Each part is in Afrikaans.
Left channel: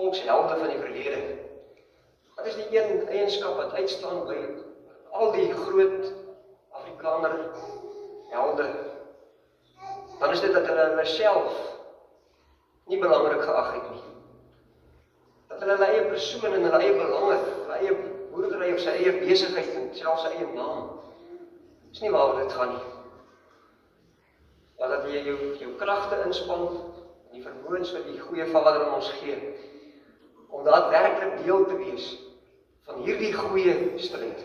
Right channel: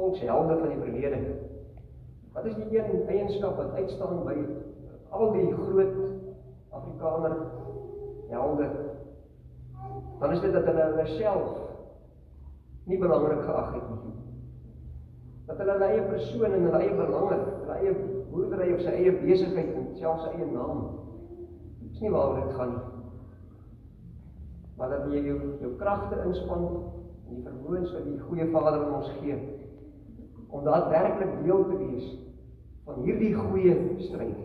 volkshelde van die verlede. Wat is die een eienskap wat uitstaan by al die groot Afrikaner helde? Dan is dit dat hulle self nie belangrik geag het nie. Dat hulle eie persoon en hulle eie belange, hulle eie boerdery of sy eie besigheid en selfs sy eie naam, is nie waaroor dit gaan nie. Maar dat jy jou kragte inspann en die vermoëns wat die goeie Vader aan ons gee, om daadwerklik deel te wees van hierdie goeie stryd.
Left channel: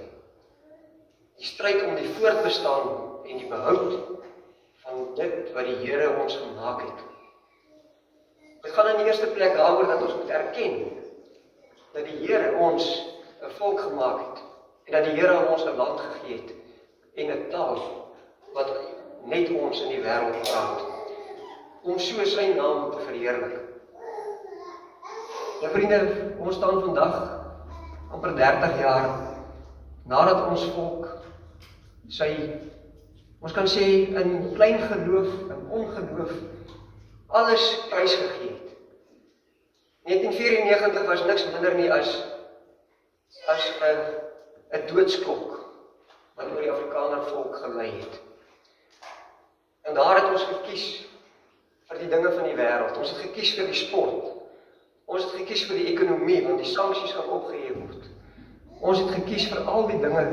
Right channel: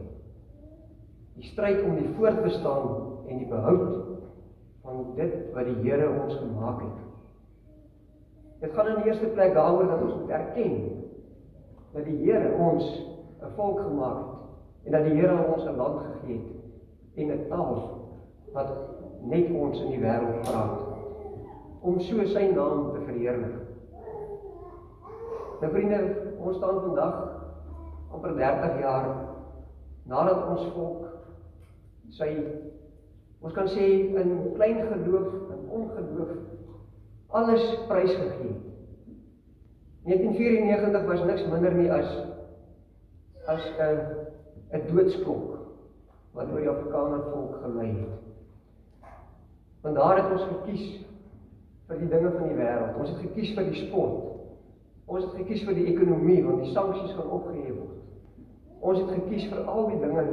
Die stryd om die voortbestaan en die behoud van dit wat die Here ons gemaak het. Dit gaan in die eerste plek daaroor dat ons moet erken dat die Here ons 'n volk gemaak het en dat die Here ons 'n land gegee het en 'n taal wat net ons in die wêreld praat, om so sy naam te verheerlik. Nou vriende, ons staan vandag amper 30 jaar nadat ons volk ons kan sê in klein geloof en ongeloof alles prysgegee het. 1994 was niks minder nie as 'n doodsklok wat oor die Afrikaner volk gelei het. En daar het ons gekies vir die dinge van die wêreld. Ons het gekies vir die sport. Ons het gekies vir die ekonomie, want die sanksies gaan opgehef word. Ons het gekies vir al die dinge.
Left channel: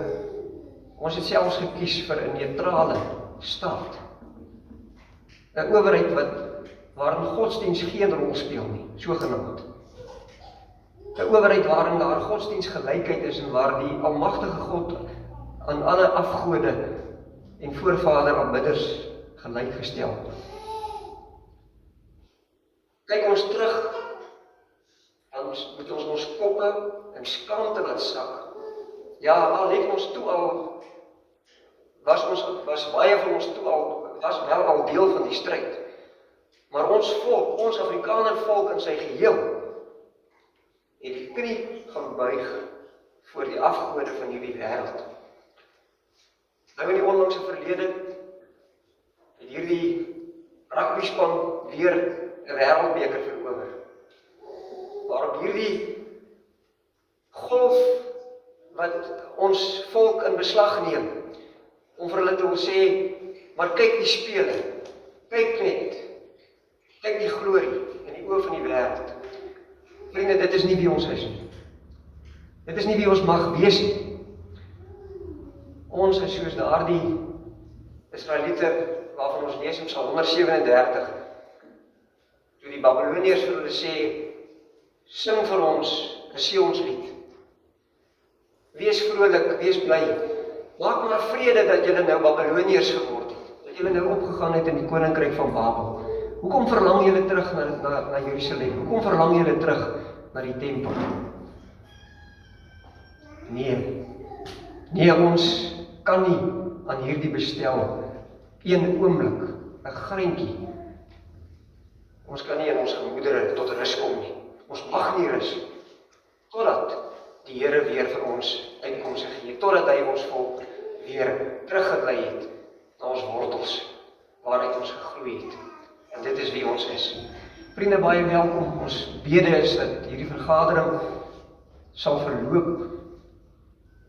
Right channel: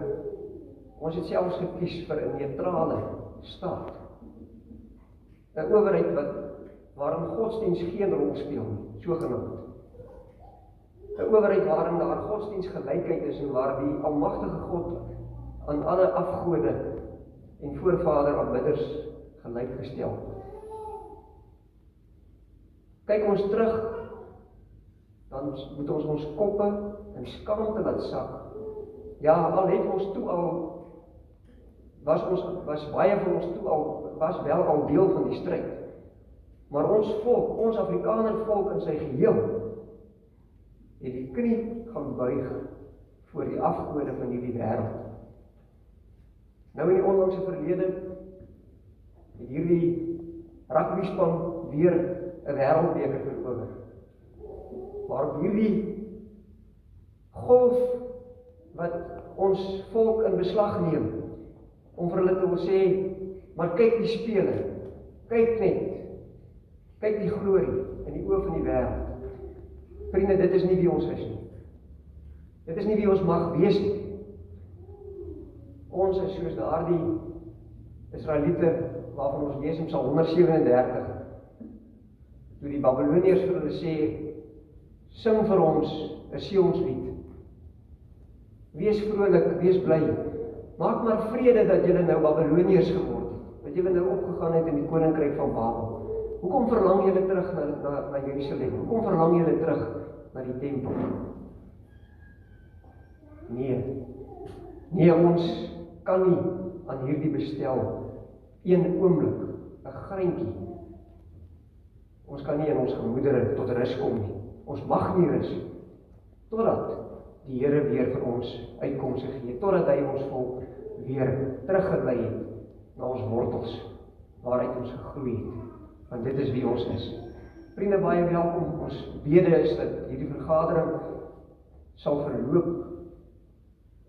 Ons het selfs gekies vir 'n neutrale staat. 'n Owerheid waarin godsdienst geen rol speel nie, sogenaamd. 'n Owerheid waarin daar godsdienstgelykheid is en waar die almagtige God aan alle afgode en voorvader aanbidders gelyk gestel. Kyk ons terug, dan moet ons ons koppe in skaamte laat sak. Ja, al het ons toe al, was baie van ons toe al, was wel al deel van die stryd. Maar ons volk, ons Afrikaner volk in sy geheel, het die knie gaan buig voor die afgode van hierdie wêreld. Nou in die onlangse verlede het hierdie rugbyspan weer 'n wêreldbeker verower. Waarop hierdie golf wat ons volk in beslag neem, om vir hulle te wil sê, maar kyk die spele, kyk net, kyk die glorie in die oë van die wêreld. Vriende, dit is nie wie ons is nie. Dit is nie wie ons mag wees nie. Ons is soos daardie Israeliete waarvan ons lees in Psalm 137, toe die Babyloniërs vir hulle sê, sing vir ons 'n Sionslied. Wees vrolik, wees bly. Maak maar vrede dat julle nou Babyloniërs geword het, dat julle nou opgegaan het in die koninkryk van Babel. Hoekom verlang julle terug na Jerusalem? Hoekom verlang julle terug na die tempel? Nee, ons kan nie aan hierdie bestel een oomblik, 'n greintjie. Ons kan nie in ons gemoedere tot rus kom nie. Ons mag nie rus, totdat die Here weer vir ons uitkomste gee, totdat hy ons volk weer teruggelei het na ons wortels, waaruit ons gegroei het. Want dit is wie ons is. Vriende, baie welkom. Ons bede is dat hierdie vergadering sal verloop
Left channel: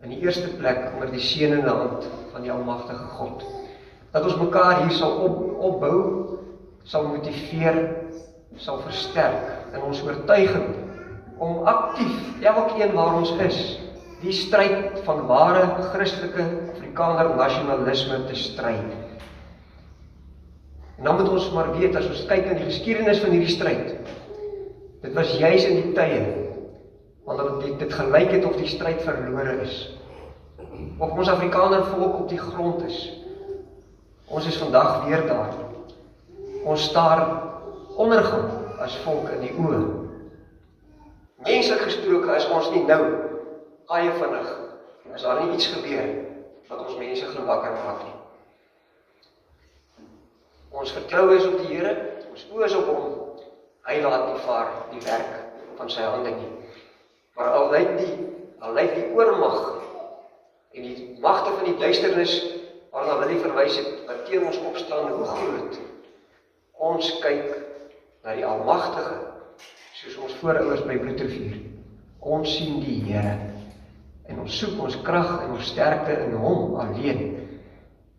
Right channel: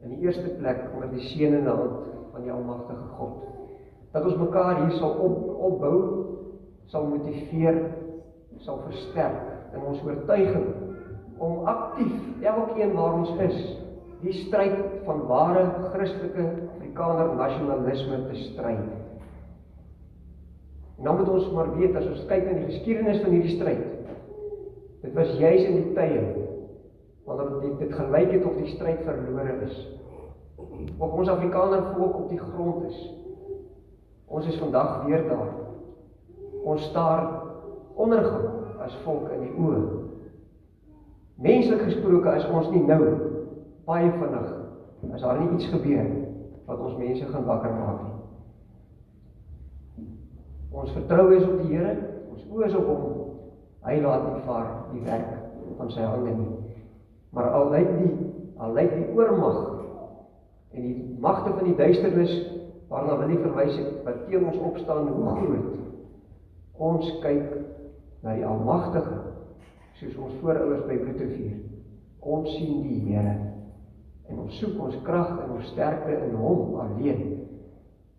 in die eerste plek onder die seënende hand van die almagtige God. Dat ons mekaar hier sal opbou, sal motiveer, sal versterk in ons oortuiging om aktief, elkeen waar ons is, die stryd van ware Christelike Afrikaner nasionalisme te stry. En dan moet ons maar weet, as ons kyk in die geskiedenis van hierdie stryd, dit was juis in die tye, wanneer dit gelyk het of die stryd verlore is, of ons Afrikaner volk op die grond is. Ons is vandag weer daar. Ons staar ondergang as volk in die oë. Menslik gesproke is ons nie nou baie vinnig, as daar nie iets gebeur wat ons mense gaan wakker maak nie. Ons vertroue is op die Here, ons oë is op hom. Hy laat nie vaar die werk van sy hande nie. Maar al lyk die oormag en die magte van die duisternis waarna Willie verwys het, wat teen ons opstaan, hoe groot. Ons kyk na die almagtige soos ons voorouers by Bloedrivier. Ons sien die Here, en ons soek ons krag en ons sterkte in hom alleen,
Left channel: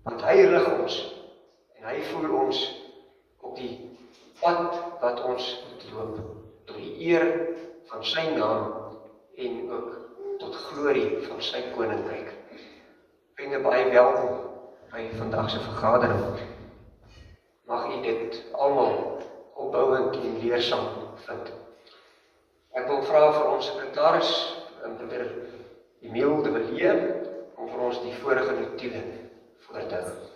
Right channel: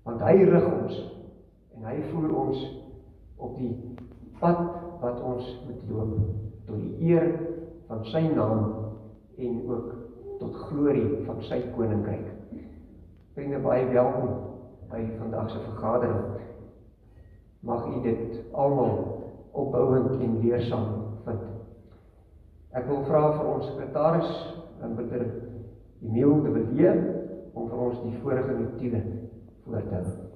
want hy rig ons, en hy voer ons op die pad wat ons moet loop, tot die eer van sy naam, en ook tot glorie van sy koninkryk. Vriende, baie welkom by vandag se vergadering. Mag u dit almal opbouend en leersaam vind. Ek wil vra vir ons sekretaris, Broeder Emile de Villiers, om vir ons die vorige notulen voor te hou.